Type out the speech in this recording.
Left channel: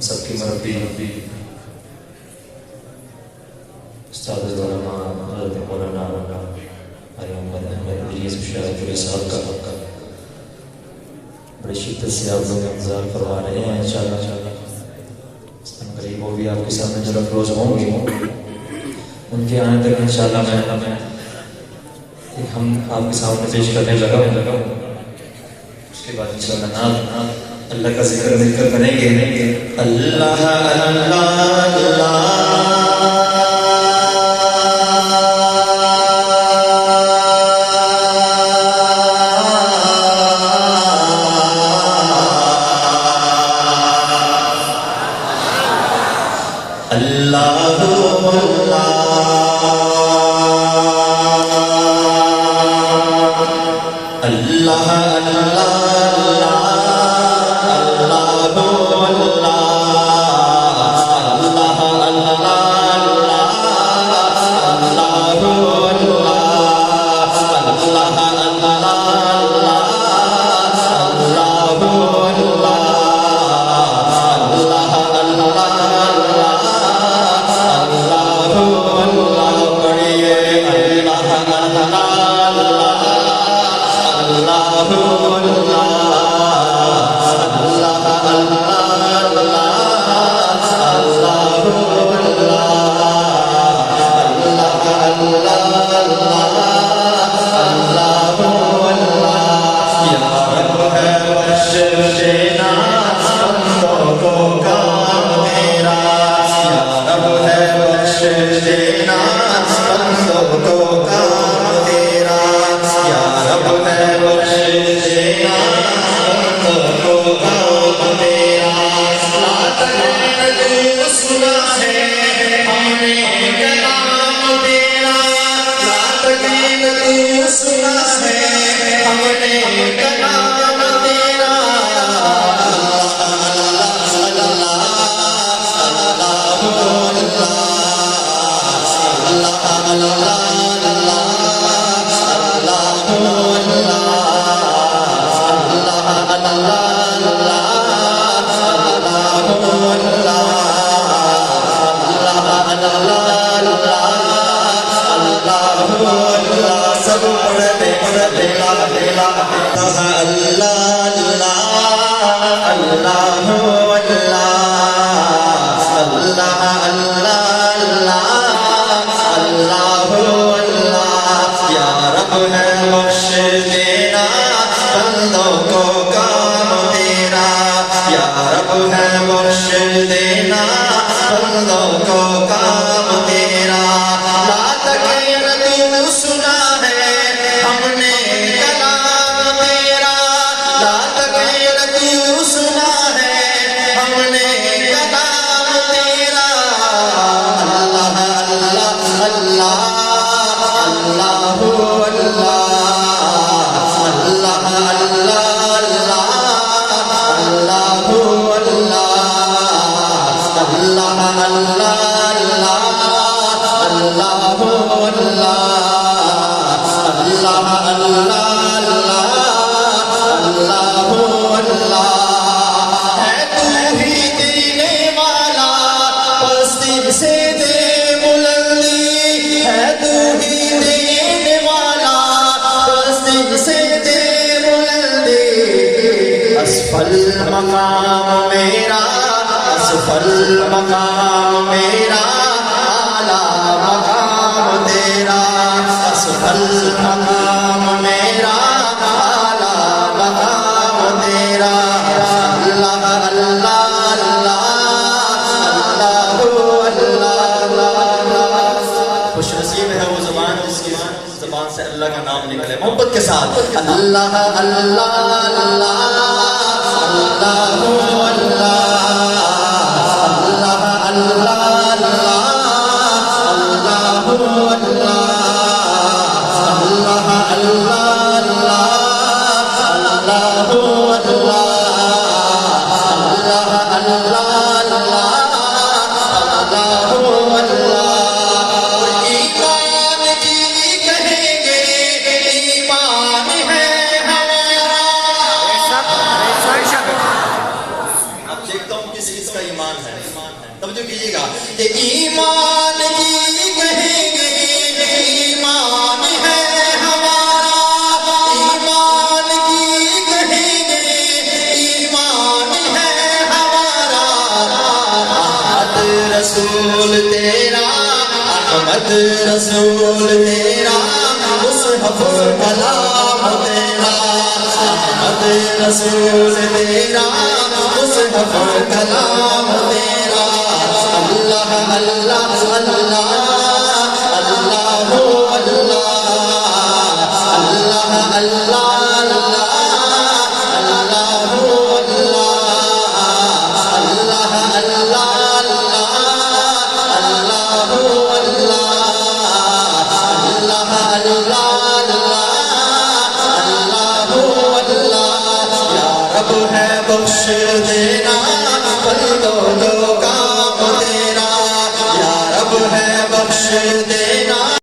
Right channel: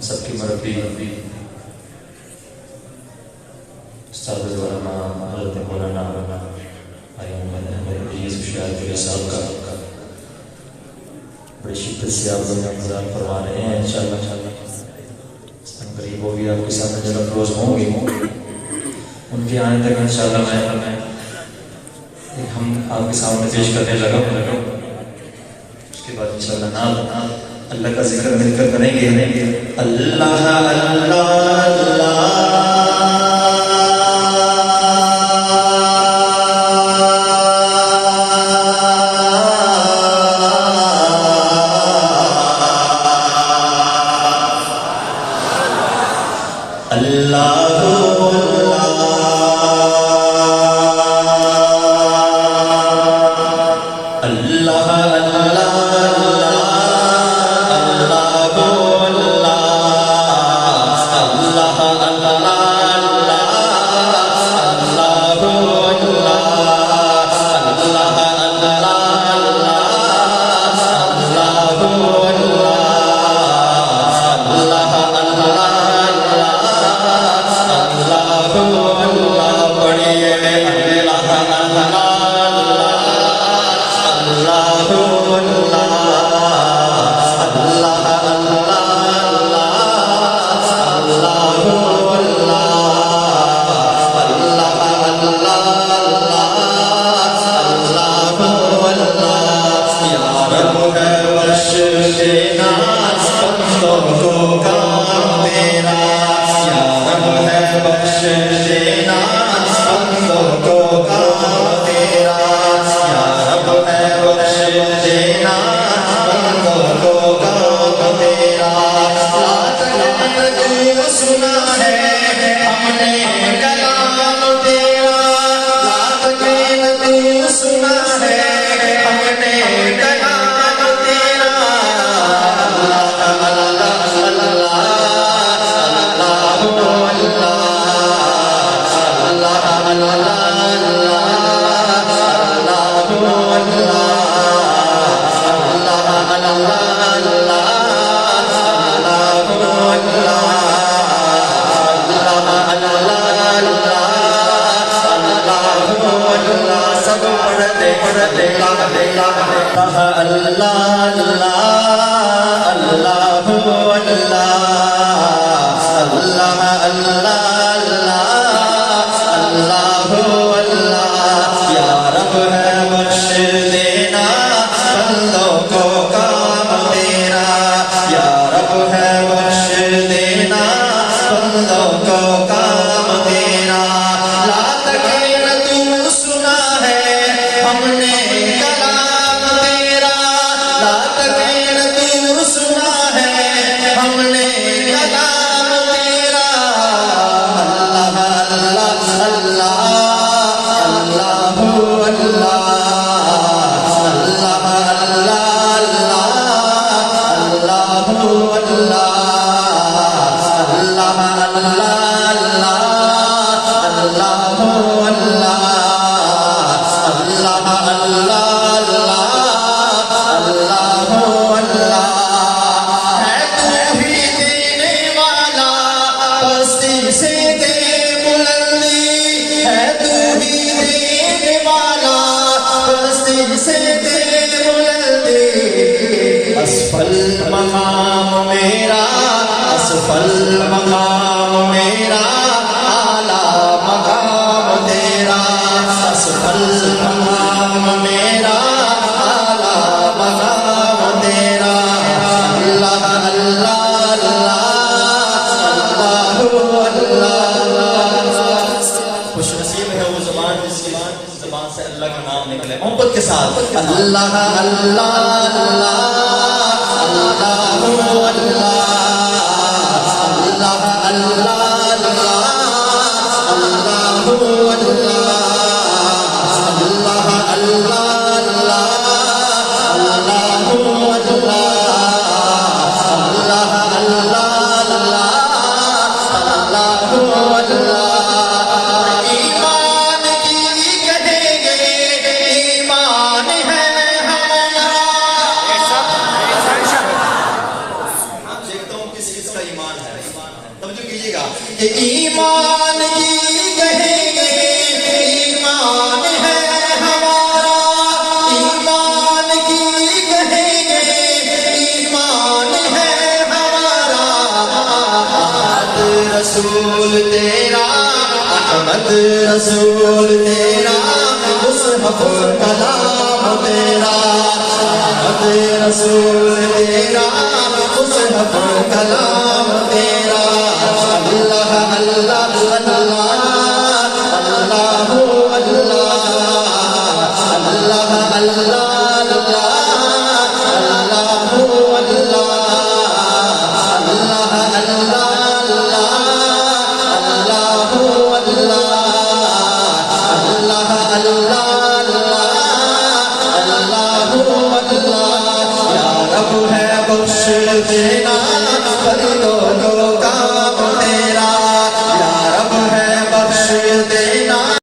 سب کی مربی استاد مولانا حضرت مولانا بھائی محمد احمد یوسف شاہد صاحب کا بڑی شدت سے آپ لوگ انتظار کروا رہے ہیں انشاءاللہ قریب وہ بھی آپ کے سامنے جلد روز ہوں گے ان کے آنے تک انشاءاللہ میں ہم آپ کے سامنے پیش کرنے لگا اس کے بعد انشاءاللہ نام اللہ کا ذکر مل کر بنیں گے اللہ اللہ اللہ ایمان کی کہیں گے ایمان ہے ہمارا ایمان کی کہیں گے ایمان ہے ہمارا رسول تیرا احمد رسول تیرا مصحف کلام تیرا احمد رسول تیرا مصحف کلام تیرا اللہ اللہ اللہ اللہ اللہ اللہ اللہ بخش دینا